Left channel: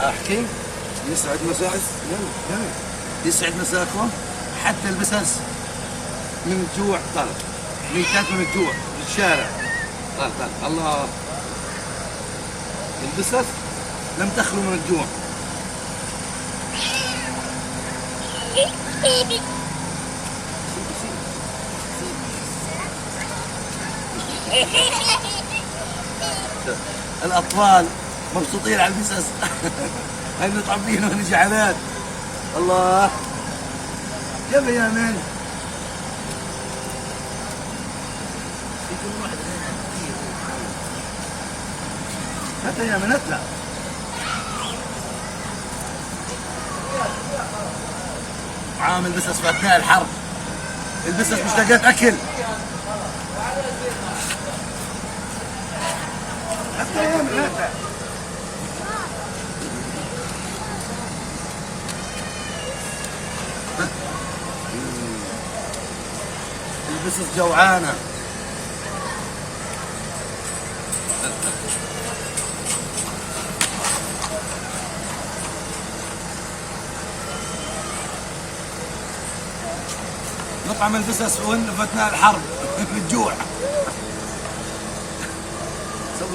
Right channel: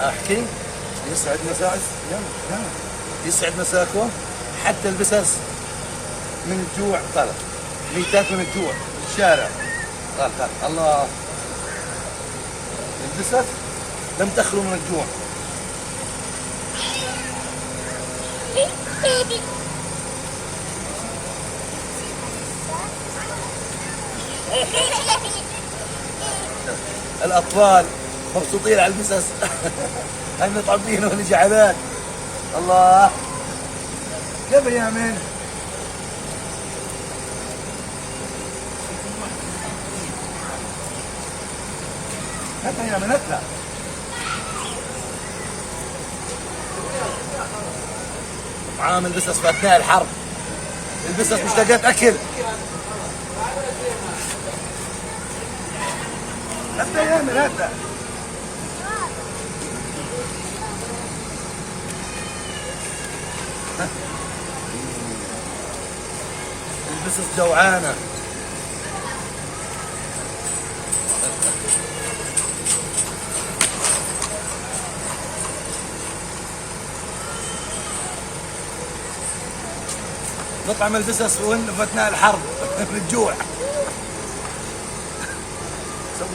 احكي. يسعد مساك. يلا يسعد مساكم. حتى البسس من الجوع طلع، ميتات من الجوع في الشارع. طلع الله، البسس لم تخلو من الجوع. الأطفال مبسوطين على البسس. هل مطعمين ونجعلات. الله يا بيامن. هات يا من اطلع. عامل البسس في اثناء الحرب. البسس مشتاقات اكل. حتى يا من هات. البسس جوعانه. نطعم البسس في اثناء الحرب. من الجوع.